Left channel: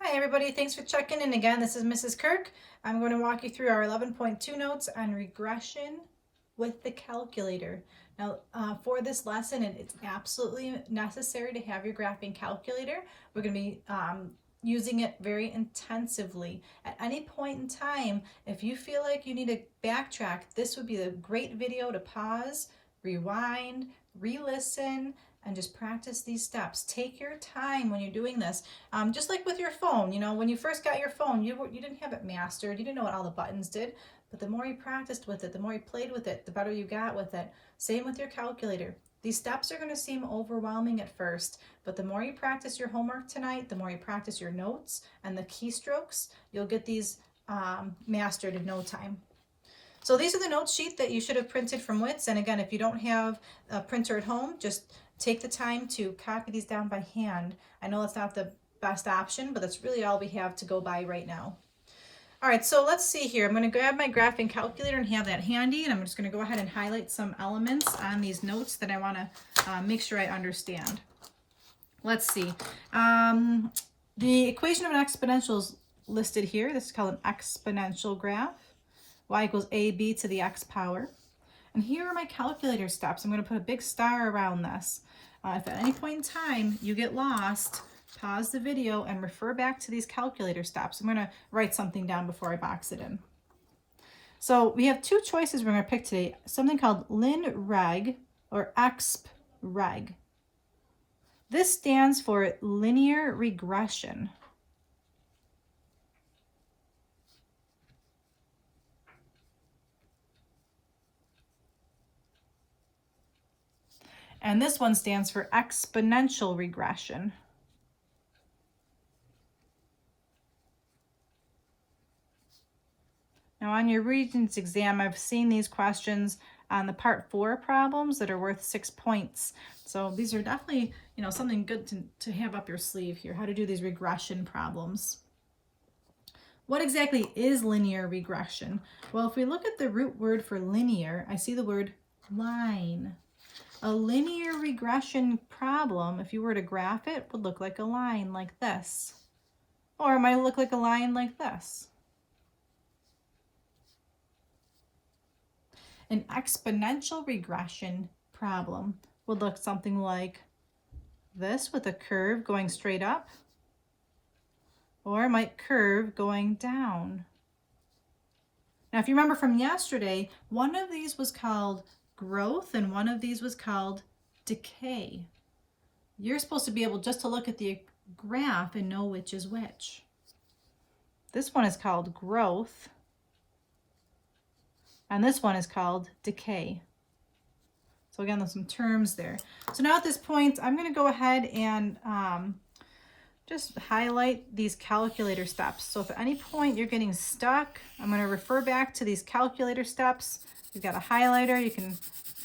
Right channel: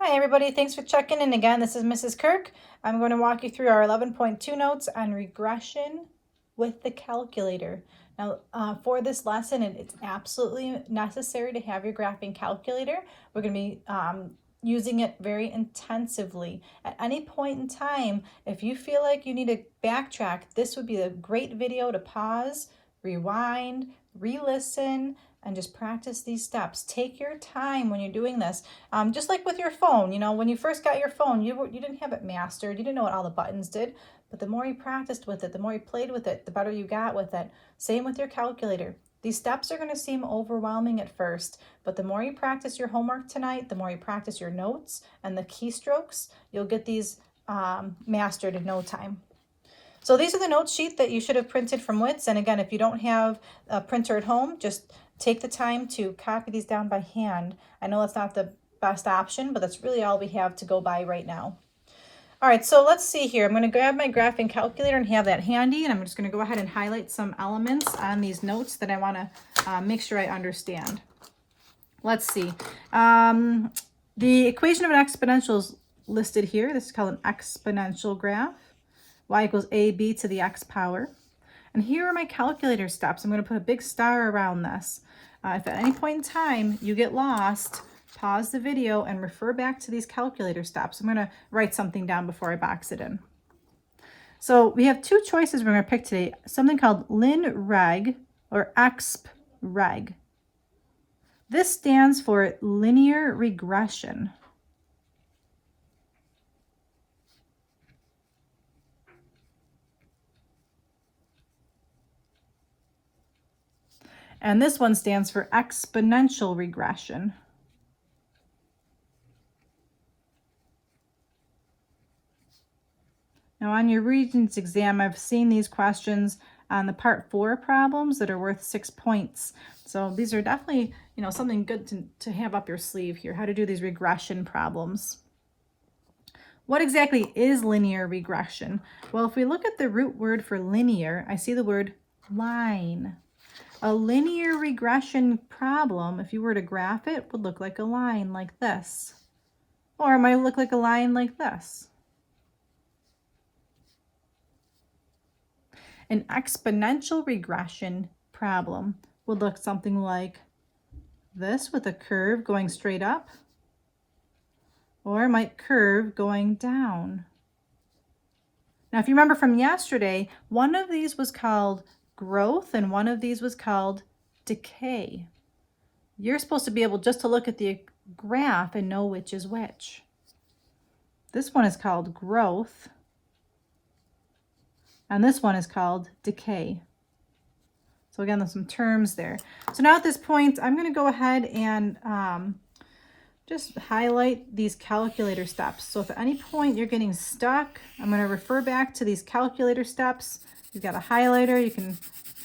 Hi everybody, thanks for checking in again. This is Mrs. Kirk. I'm going to walk you through our 11.2 notes on regression with the calculator. Now for this lesson, it's absolutely necessary to have your graphing calculator. We're going to be using it very intensively. At any point in time, if you feel like you need to backtrack, this would be a great video to pause, rewind, re-listen, and just practice these steps. Take your time when you're doing this. Just like with your phone, when you first got your phone, you didn't have it mastered. You didn't know what all the buttons did. But the more you practiced with it, the more you played with it, the better you got with it. Same with your calculator. These steps are going to seem overwhelming at first, but the more you practice your homework tonight, the more you practice your notes and the keystrokes, you'll get these mastered in no time. So these are the note sheet that you should have printed from WITS. And again, if you don't have a printer at home, just take the time to copy these down by hand. I know it's not the best option, but that's really all we have to go by right now. All right, so let's see here. I'm going to grab my graphing calculator and have that handy, and I'm just going to go ahead and highlight some elements on these notes that I want to make sure I understand. Let's see. The equation of an exponential is listed here. This is called an exponential graph. Y equals AB to the x power. And here are my calculator steps. I'm going to put a big star around this. If at any point in time you get lost, pause the video and refer back to these calculator steps. I'm going to write something down before I box it in. So we have two choices we're going to pick today. Something called lin-reg or exp-reg. This stands for linear regression. And this one stands for exponential regression. Now on your Regents exam, I've seen these questions on the part 4 problems that are worth 6 points. So these are definitely, something good to have up your sleeve here, how to do these regression problems. What exactly is linear regression? Well, if we look at the root word for linear, I see the word line. A linear regression problem, if you were to graph it, would look like a line like this. Or it might look like a line like this. An exponential regression problem would look something like this with a curve going straight up, or it might curve going down. Now, if you remember from yesterday, one of these was called growth and one of these was called decay. You're supposed to be able just to look at the graph and know which is which. This one is called growth, and this one is called decay. So again, there's some terms there. So now at this point, I'm going to go ahead and just highlight these calculator steps. So if at any point you're getting stuck, I'm going to refer back to these calculator steps. You've got a highlighter, you can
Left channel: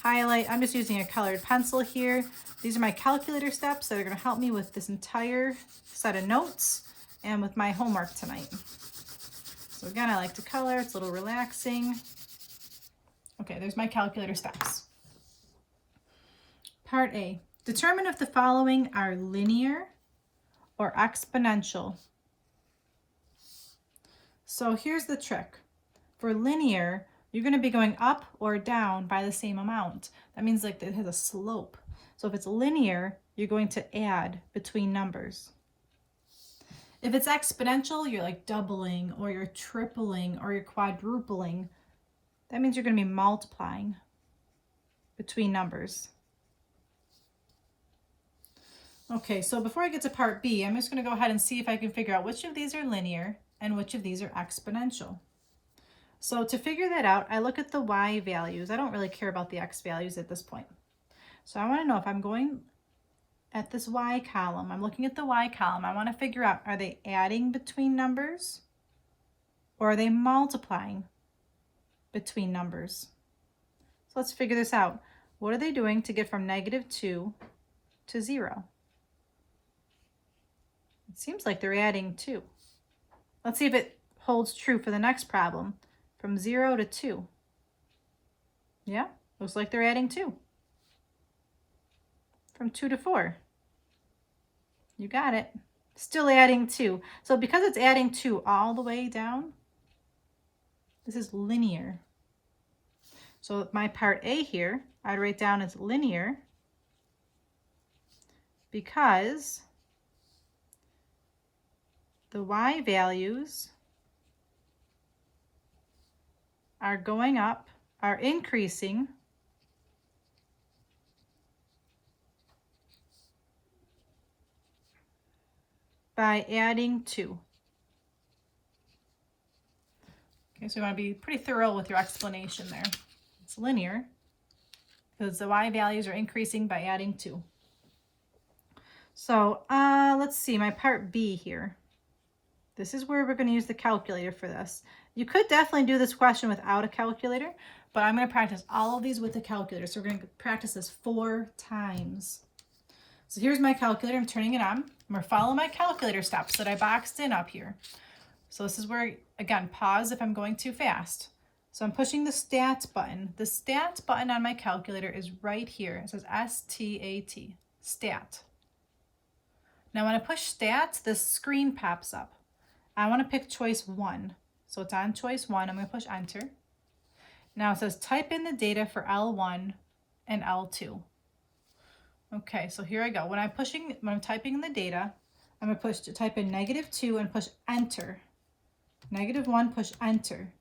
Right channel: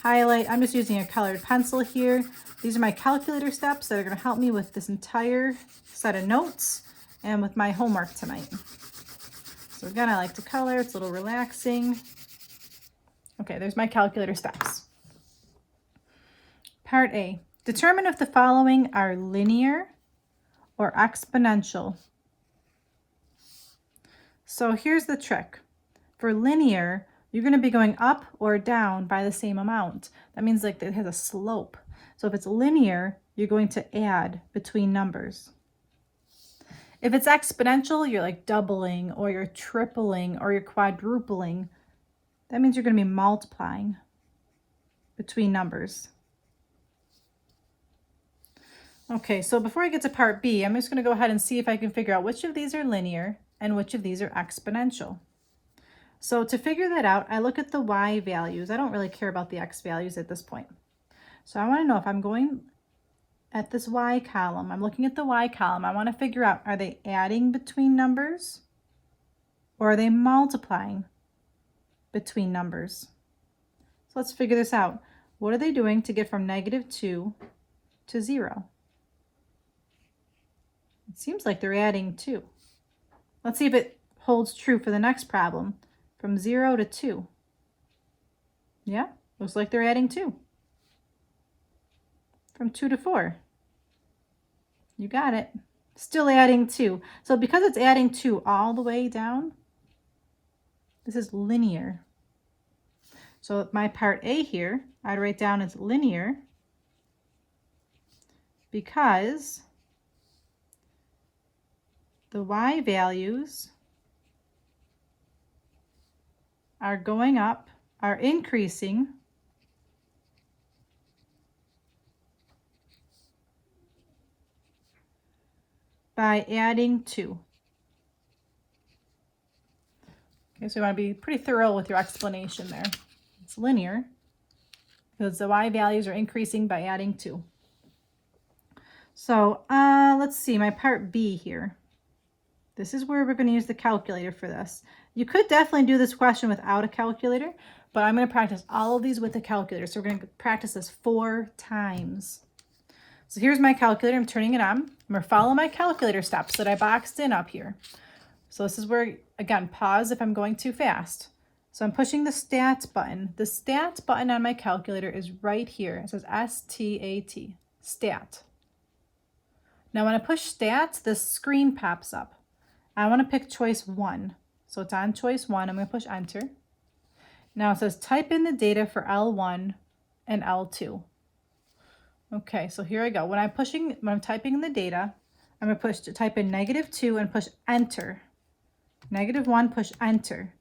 highlight. I'm just using a colored pencil here. These are my calculator steps that are going to help me with this entire set of notes and with my homework tonight. So again, I like to color, it's a little relaxing. Okay, there's my calculator steps. Part A, determine if the following are linear or exponential. So here's the trick. For linear, you're going to be going up or down by the same amount. That means like it has a slope. So if it's linear, you're going to add between numbers. If it's exponential, you're like doubling or you're tripling or you're quadrupling. That means you're going to be multiplying between numbers. Okay, so before I get to part B, I'm just going to go ahead and see if I can figure out which of these are linear and which of these are exponential. So to figure that out, I look at the y values. I don't really care about the x values at this point. So I want to know if I'm going at this y column, I'm looking at the y column, I want to figure out, are they adding between numbers or are they multiplying between numbers? So let's figure this out. What are they doing to get from -2 to 0? It seems like they're adding 2. Let's see if it holds true for the next problem. From 0 to 2. Yeah, looks like they're adding 2. From 2 to 4. You got it. Still adding 2. So because it's adding 2 all the way down, this is linear. So my part A here, I'd write down as linear because the y values are going up, are increasing by adding 2. Okay, so you want to be pretty thorough with your explanation there. It's linear because the y values are increasing by adding 2. So let's see, my part B here. This is where we're going to use the calculator for this. You could definitely do this question without a calculator, but I'm going to practice all of these with a calculator. So we're going to practice this 4 times. So here's my calculator. I'm turning it on. I'm going to follow my calculator steps that I boxed in up here. So this is where, again, pause if I'm going too fast. So I'm pushing the stat button. The stat button on my calculator is right here. It says S-T-A-T, stat. Now when I push stat, the screen pops up. I want to pick choice 1. So it's on choice 1. I'm going to push enter. Now it says type in the data for L1 and L2. Okay, so here I go. When I'm typing in the data, I'm going to type in -2 and push enter. -1, push enter.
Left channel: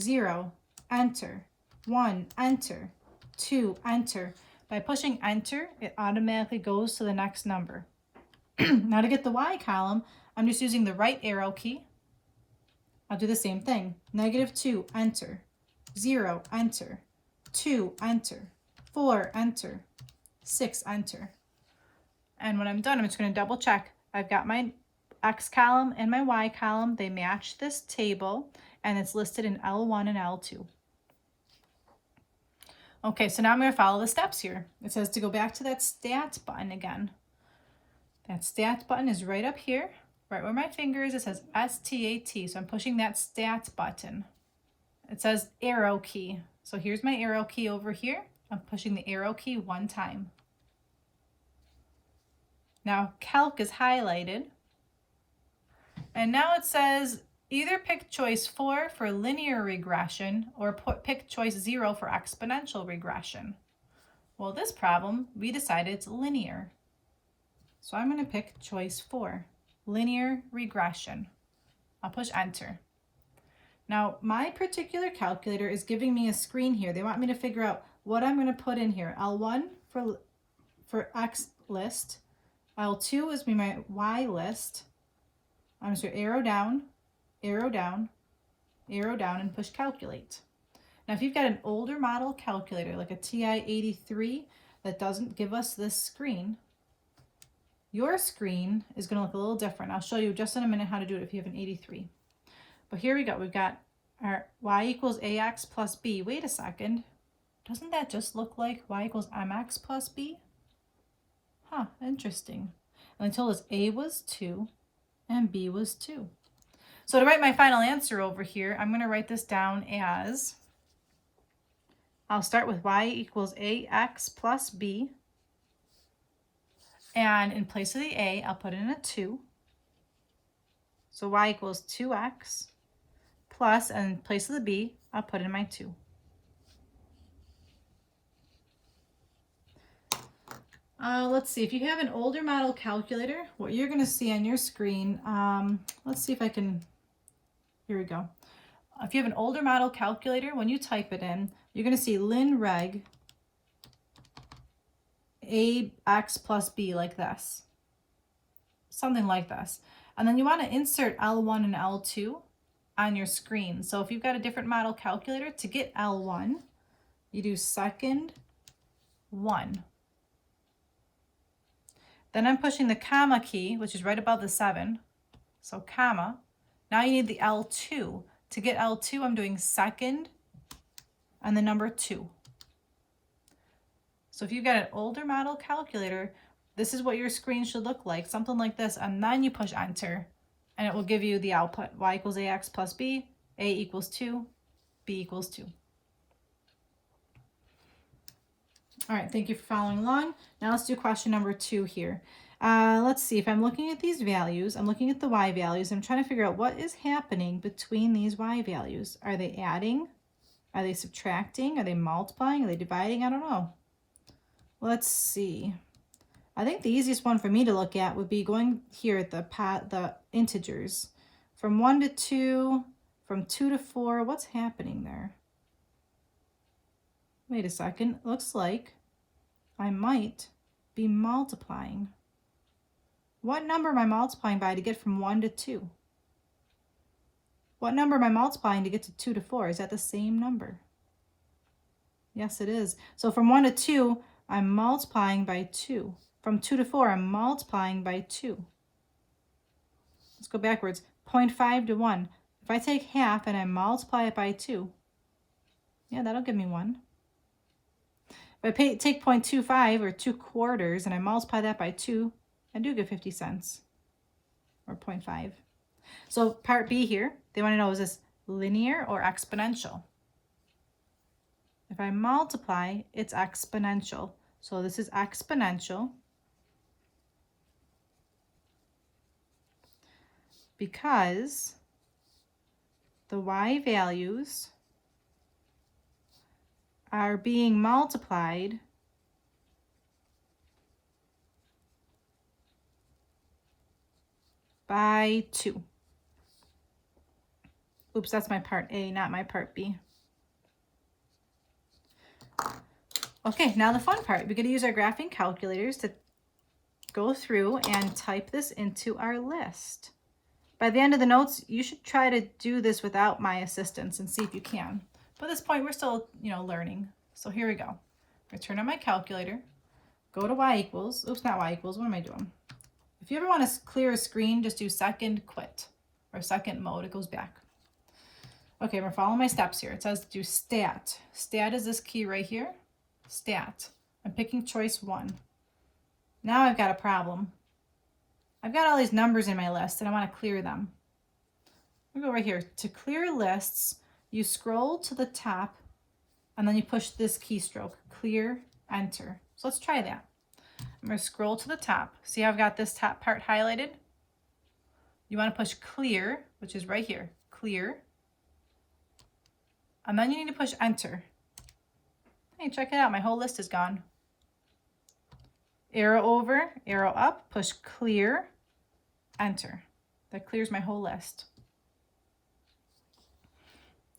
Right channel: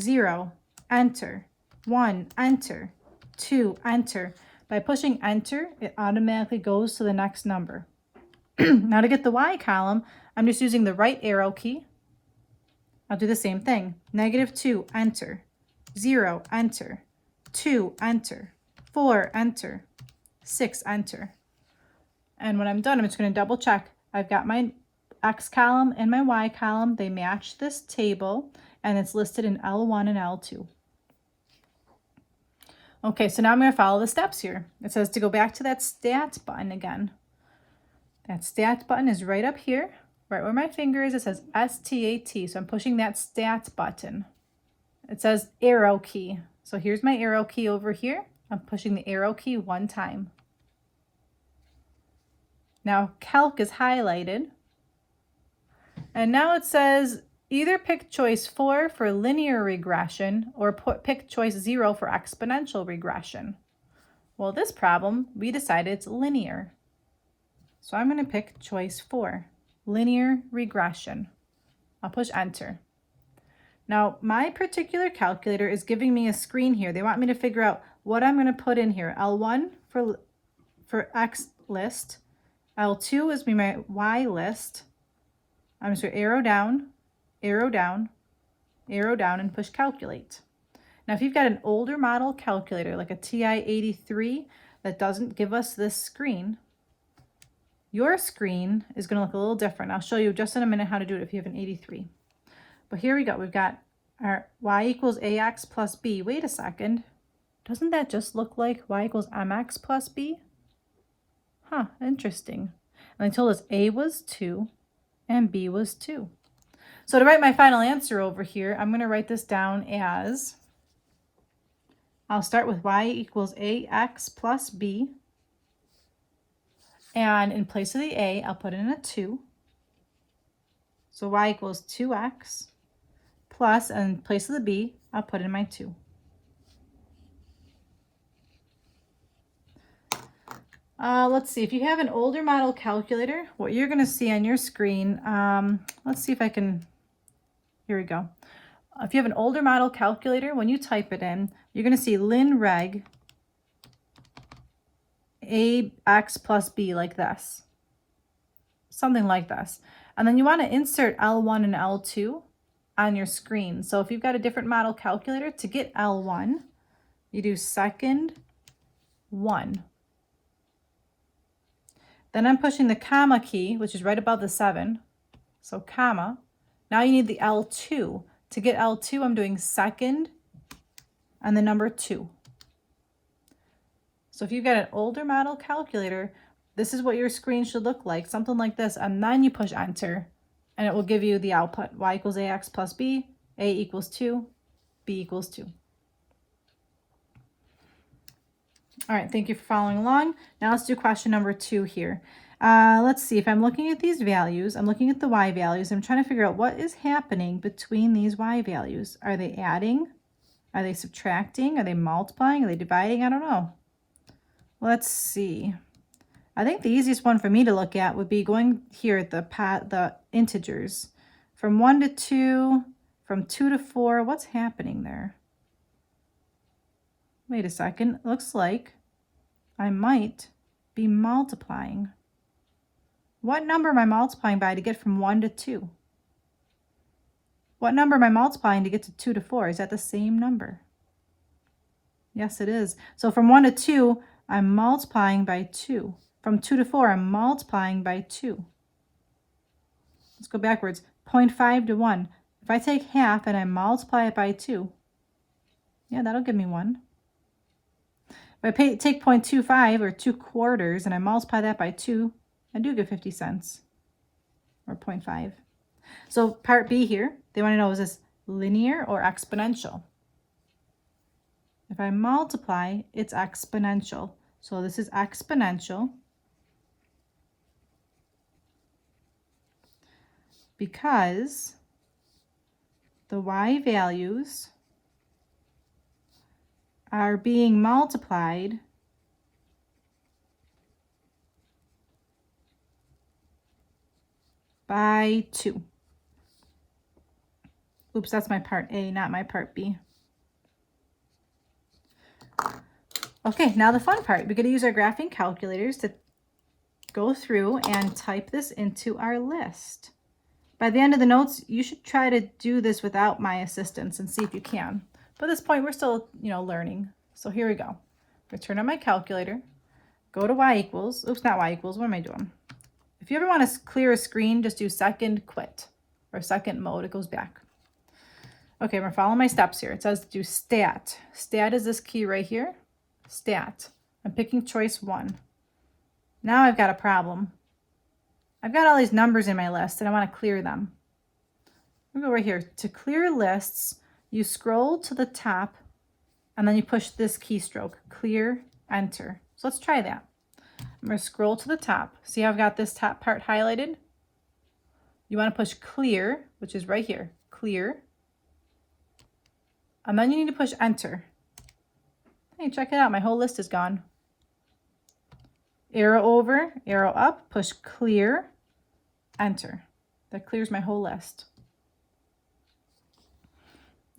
0, enter. 1, enter. 2, enter. By pushing enter, it automatically goes to the next number. Now to get the Y column, I'm just using the right arrow key. I'll do the same thing. -2, enter. 0, enter. 2, enter. 4, enter. 6, enter. And when I'm done, I'm just going to double check. I've got my X column and my Y column. They match this table, and it's listed in L1 and L2. Okay, so now I'm going to follow the steps here. It says to go back to that stat button again. That stat button is right up here, right where my finger is. It says S-T-A-T, so I'm pushing that stat button. It says arrow key. So here's my arrow key over here. I'm pushing the arrow key 1 time. Now calc is highlighted. And now it says either pick choice 4 for linear regression or pick choice 0 for exponential regression. Well, this problem, we decided it's linear. So I'm going to pick choice 4, linear regression. I'll push enter. Now, my particular calculator is giving me a screen here. They want me to figure out what I'm going to put in here. L1 for X list. L2 is my Y list. I'm just going to arrow down, arrow down, arrow down, and push calculate. Now, if you've got an older model calculator, like a TI-83, that doesn't give us this screen, your screen is going to look a little different. I'll show you just in a minute how to do it if you have an 83. But here we go. We've got our y equals ax plus b. Wait a second. Doesn't that just look like y equals mx plus b? Huh, interesting. And they told us a was 2 and b was 2. So to write my final answer over here, I'm going to write this down as, I'll start with y equals ax plus b. And in place of the a, I'll put in a 2. So y equals 2x plus, and in place of the b, I'll put in my 2. Let's see, if you have an older model calculator, what you're going to see on your screen, let's see if I can, here we go. If you have an older model calculator, when you type it in, you're going to see lin reg ax plus b like this, something like this. And then you want to insert L1 and L2 on your screen. So if you've got a different model calculator, to get L1, you do second 1. Then I'm pushing the comma key, which is right above the 7. So comma. Now you need the L2. To get L2, I'm doing second and the number 2. So if you've got an older model calculator, this is what your screen should look like, something like this. And then you push enter, and it will give you the output. Y equals ax plus b, a equals 2, b equals 2. All right, thank you for following along. Now let's do question number 2 here. Let's see, if I'm looking at these values, I'm looking at the y values. I'm trying to figure out what is happening between these y values. Are they adding? Are they subtracting? Are they multiplying? Are they dividing? I don't know. Let's see. I think the easiest one for me to look at would be going here at the integers. From 1 to 2, from 2 to 4, what's happening there? Wait a second, looks like I might be multiplying. What number am I multiplying by to get from 1 to 2? What number am I multiplying to get to 2 to 4? Is that the same number? Yes, it is. So from 1 to 2, I'm multiplying by 2. From 2 to 4, I'm multiplying by 2. Let's go backwards. 0.5 to 1. If I take half and I multiply it by 2, yeah, that'll give me 1. If I take 0.25 or 2 quarters and I multiply that by 2, I do get 50 cents, or 0.5. So part B here, they want to know, is this linear or exponential? If I multiply, it's exponential. So this is exponential because the y values are being multiplied by 2. Oops, that's my part A, not my part B. Okay, now the fun part. We're going to use our graphing calculators to go through and type this into our list. By the end of the notes, you should try to do this without my assistance and see if you can. But at this point, we're still, learning. So here we go. I turn on my calculator, go to y equals, oops, not y equals, what am I doing? If you ever want to clear a screen, just do second quit or second mode, it goes back. Okay, we're following my steps here. It says do stat. Stat is this key right here. Stat. I'm picking choice 1. Now I've got a problem. I've got all these numbers in my list and I want to clear them. I'm going to go right here. To clear lists, you scroll to the top and then you push this keystroke, clear, enter. So let's try that. I'm going to scroll to the top. See how I've got this top part highlighted? You want to push clear, which is right here, clear. And then you need to push enter. Hey, check it out. My whole list is gone. Arrow over, arrow up, push clear, enter. That clears my whole list.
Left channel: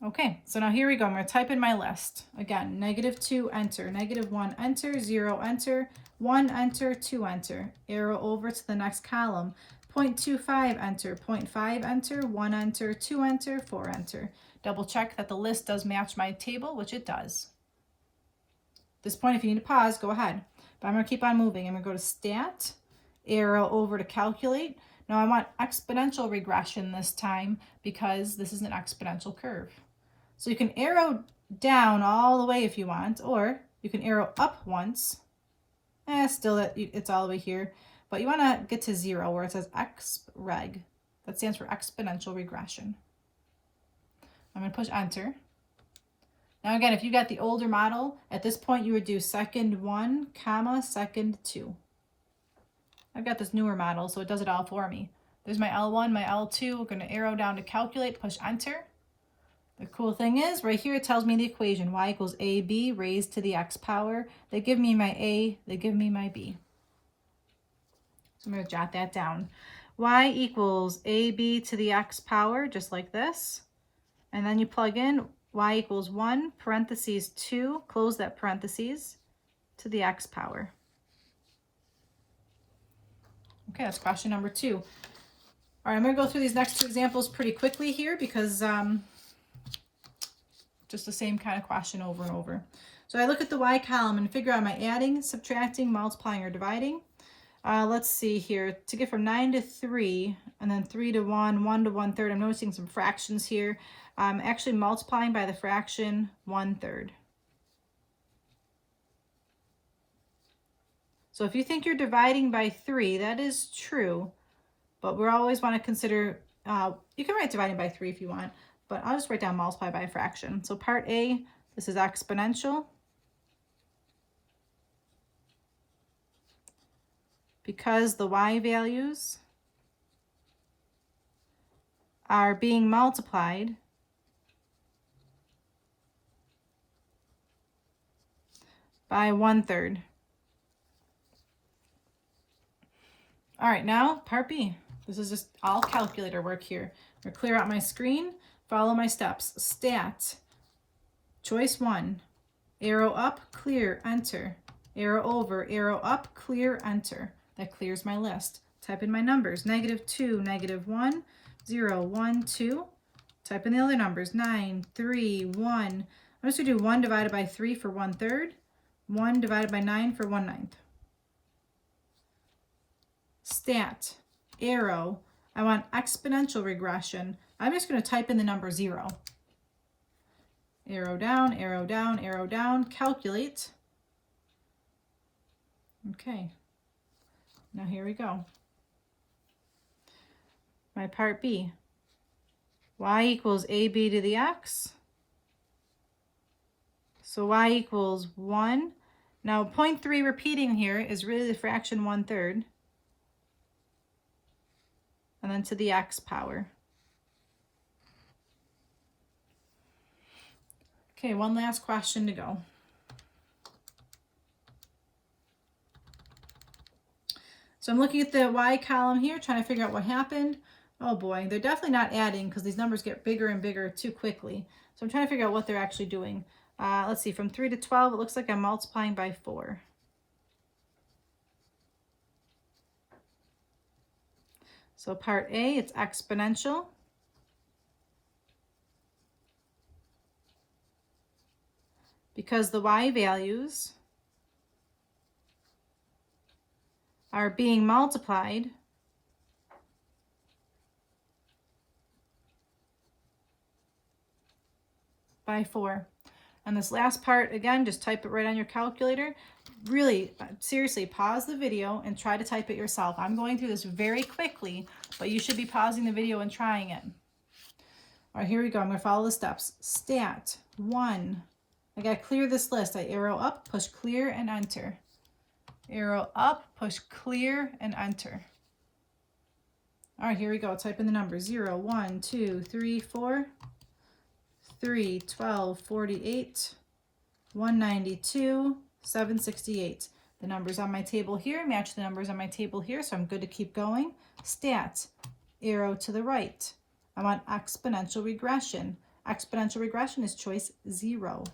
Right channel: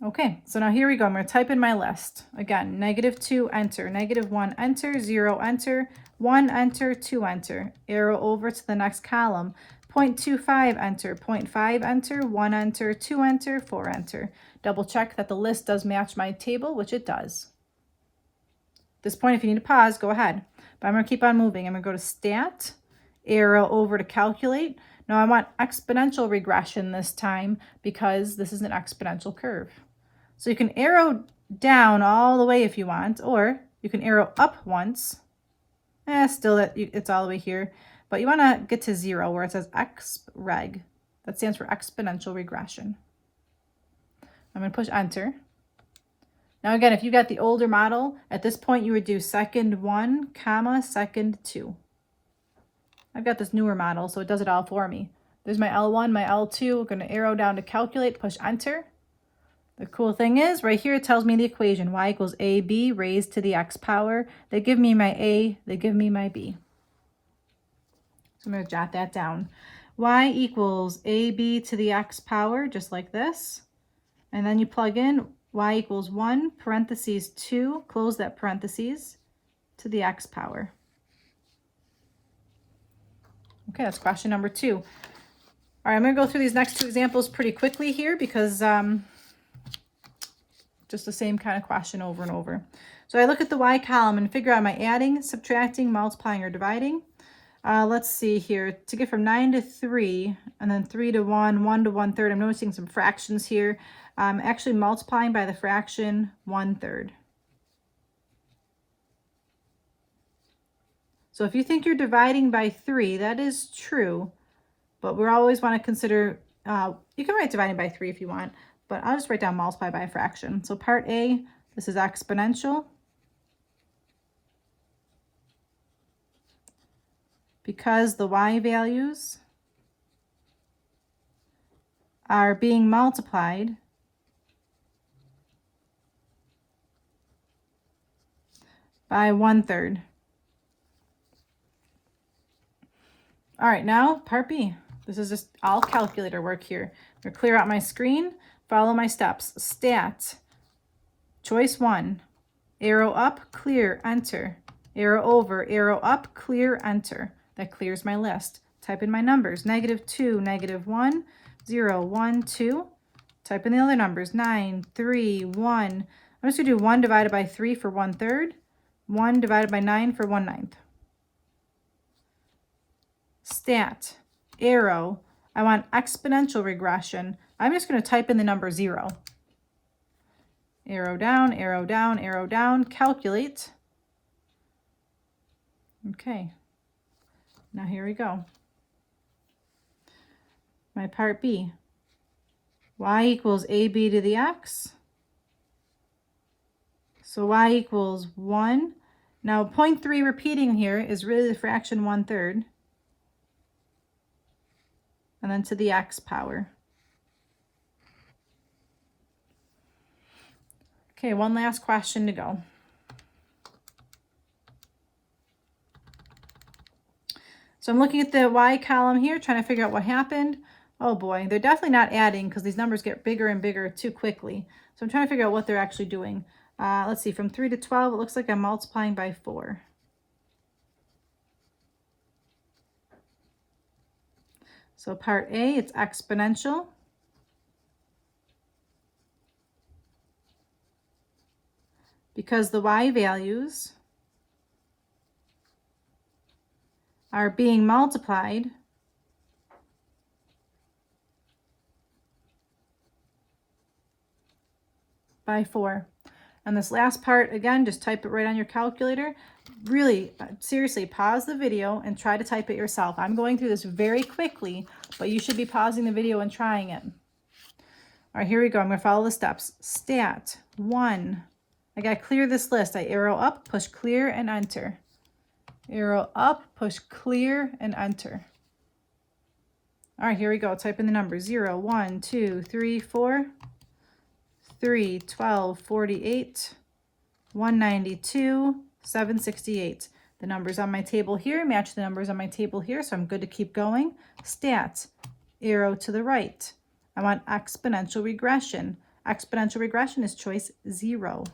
Okay, so now here we go. I'm going to type in my list. Again, -2, enter. -1, enter. 0, enter. 1, enter. 2, enter. Arrow over to the next column. 0.25, enter. 0.5, enter. 1, enter. 2, enter. 4, enter. Double check that the list does match my table, which it does. At this point, if you need to pause, go ahead. But I'm going to keep on moving. I'm going to go to stat, arrow over to calculate. Now I want exponential regression this time because this is an exponential curve. So you can arrow down all the way if you want, or you can arrow up once. Still it's all the way here. But you want to get to 0 where it says xreg. That stands for exponential regression. I'm going to push enter. Now again, if you got the older model, at this point you would do second 1, comma, second 2. I've got this newer model, so it does it all for me. There's my L1, my L2. We're going to arrow down to calculate, push enter. The cool thing is, right here it tells me the equation, y equals AB raised to the x power. They give me my A, they give me my B. So I'm going to jot that down. Y equals AB to the x power, just like this. And then you plug in y equals 1, parentheses 2, close that parentheses, to the x power. Okay, that's question number 2. All right, I'm going to go through these next 2 examples pretty quickly here because just the same kind of question over and over. So I look at the y column and figure out, am I adding, subtracting, multiplying, or dividing? Let's see here. To get from 9 to 3, and then 3 to 1, 1 to 1/3, I'm noticing some fractions here. I'm actually multiplying by the fraction 1/3. So if you think you're dividing by 3, that is true, but we always want to consider, you can write dividing by 3 if you want, but I'll just write down multiply by a fraction. So part A, this is exponential. because the y values are being multiplied by 1/3. All right, now part B. This is just all calculator work here. I'm going to clear out my screen, follow my steps. Stat, choice 1, arrow up, clear, enter. Arrow over, arrow up, clear, enter. That clears my list. Type in my numbers, -2, -1, 0, 1, 2. Type in the other numbers, 9, 3, 1. I'm just going to do 1 divided by 3 for 1/3, 1 divided by 9 for 1/9. Stat, arrow, I want exponential regression. I'm just going to type in the number 0. Arrow down, arrow down, arrow down, calculate. Okay, now here we go. My part B, y equals AB to the x. So y equals 1. Now 0.3 repeating here is really the fraction 1/3. And then to the x power. Okay, one last question to go. So I'm looking at the y column here, trying to figure out what happened. Oh boy, they're definitely not adding because these numbers get bigger and bigger too quickly. So I'm trying to figure out what they're actually doing. Let's see, from 3 to 12, it looks like I'm multiplying by 4. So part A, it's exponential. Because the y values are being multiplied by 4. And this last part, again, just type it right on your calculator. Really, seriously, pause the video and try to type it yourself. I'm going through this very quickly, but you should be pausing the video and trying it. All right, here we go. I'm going to follow the steps. Stat, 1. I got to clear this list. I arrow up, push clear, and enter. Arrow up, push clear, and enter. All right, here we go. Type in the numbers. 0, 1, 2, 3, 4, 3, 12, 48, 192, 768. The numbers on my table here match the numbers on my table here, so I'm good to keep going. Stat, arrow to the right. I want exponential regression. Exponential regression is choice 0.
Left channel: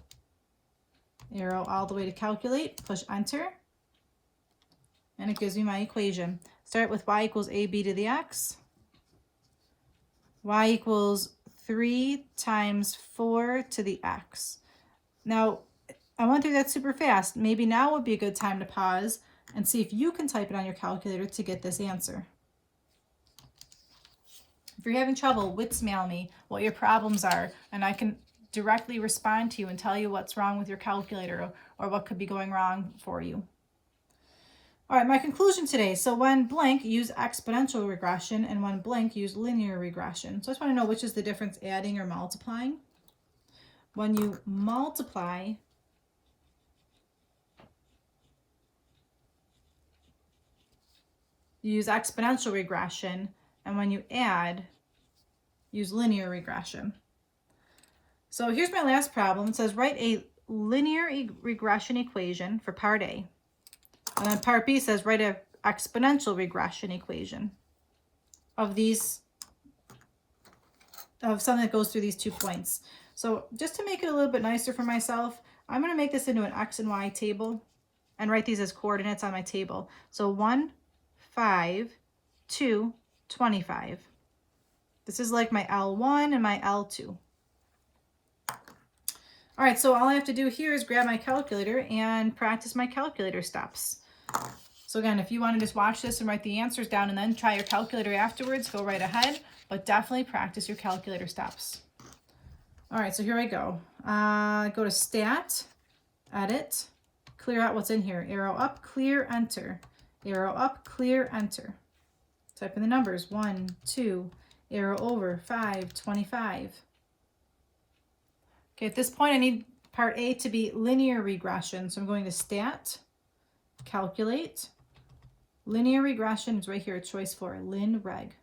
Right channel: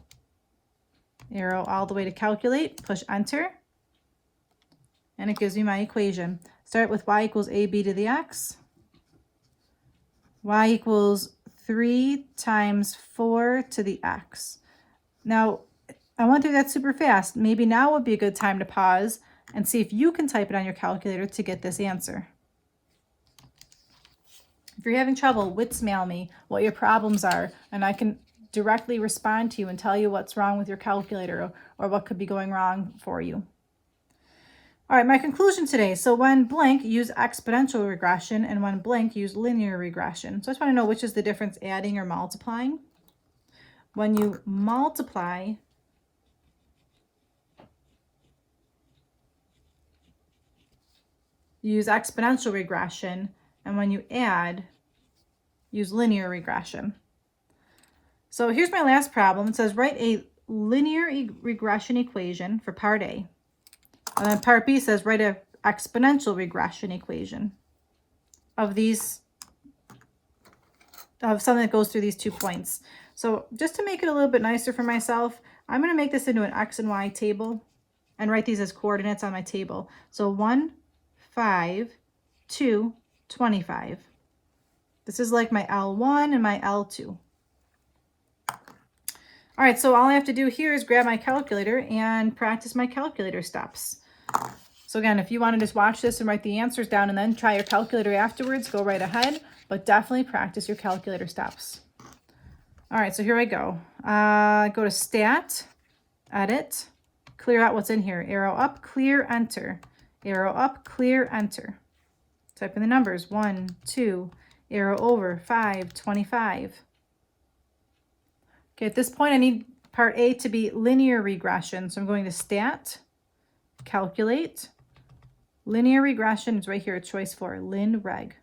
Arrow all the way to calculate, push enter, and it gives me my equation. Start with y equals AB to the x. Y equals 3 times 4 to the x. Now, I went through that super fast. Maybe now would be a good time to pause and see if you can type it on your calculator to get this answer. If you're having trouble, WITSmail me what your problems are, and I can directly respond to you and tell you what's wrong with your calculator or what could be going wrong for you. All right, my conclusion today. So when blank, use exponential regression, and when blank, use linear regression. So I just want to know which is the difference, adding or multiplying. When you multiply, you use exponential regression, and when you add, use linear regression. So here's my last problem. It says write a linear regression equation for part A. And then part B says write an exponential regression equation of something that goes through these 2 points. So just to make it a little bit nicer for myself, I'm going to make this into an X and Y table and write these as coordinates on my table. So 1, 5, 2, 25. This is like my L1 and my L2. All right, so all I have to do here is grab my calculator and practice my calculator steps. So again, if you want to just watch this and write the answers down and then try your calculator afterwards, go right ahead, but definitely practice your calculator steps. All right, so here I go. Go to Stat, Edit, clear out what's in here. Arrow up, clear, enter. Arrow up, clear, enter. Type in the numbers, 1, 2, arrow over, 5, 25. Okay, at this point, I need part A to be linear regression. So I'm going to Stat, Calculate, Linear regression is right here at choice 4, lin reg.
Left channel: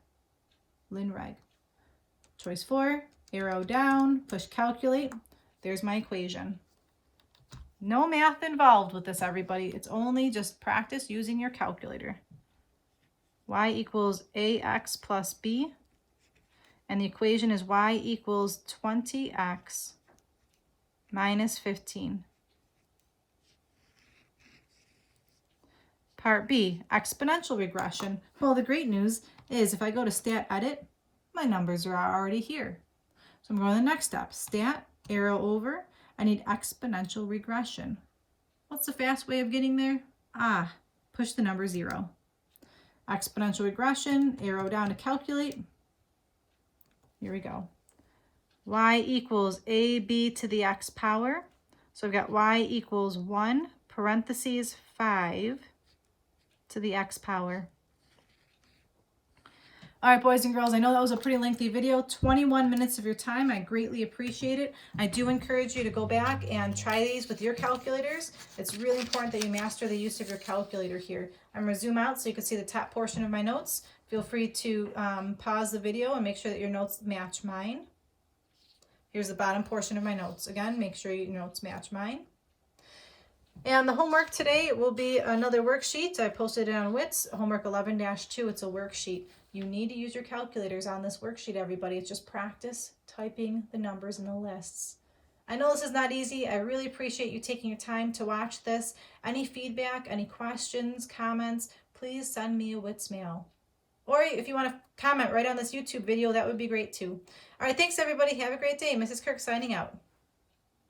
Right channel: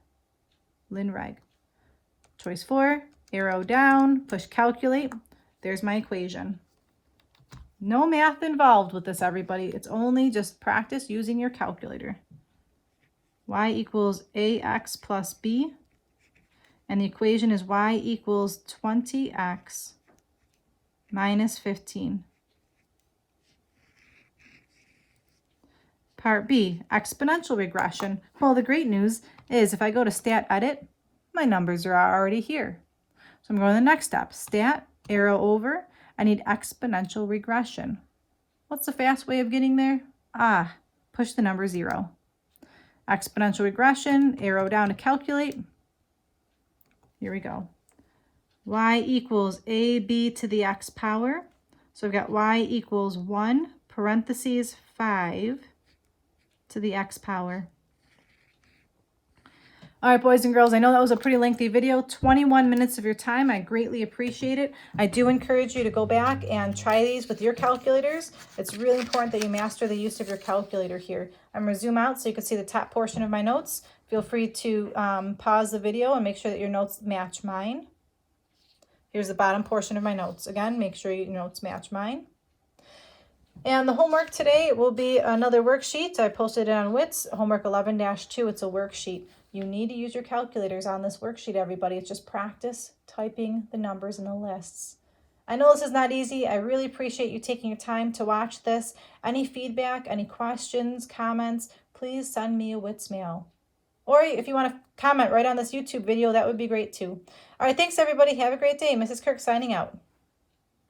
Choice 4, arrow down, push calculate. There's my equation. No math involved with this, everybody. It's only just practice using your calculator. Y equals ax plus b, and the equation is y equals 20x minus 15. Part B, exponential regression. Well, the great news is if I go to stat edit, my numbers are already here. So I'm going to the next step, stat, arrow over. I need exponential regression. What's the fast way of getting there? Push the number 0. Exponential regression, arrow down to calculate. Here we go. Y equals AB to the x power. So I've got y equals 1 parentheses 5 to the x power. All right, boys and girls, I know that was a pretty lengthy video, 21 minutes of your time. I greatly appreciate it. I do encourage you to go back and try these with your calculators. It's really important that you master the use of your calculator here. I'm going to zoom out so you can see the top portion of my notes. Feel free to pause the video and make sure that your notes match mine. Here's the bottom portion of my notes. Again, make sure your notes match mine. And the homework today will be another worksheet. I posted it on WITS, homework 11-2. It's a worksheet. You need to use your calculators on this worksheet, everybody. It's just practice typing the numbers in the lists. I know this is not easy. I really appreciate you taking your time to watch this. Any feedback, any questions, comments, please send me a WITS mail. Or if you want to comment right on this YouTube video, that would be great too. All right, thanks everybody. Have a great day. Mrs. Kirk signing out.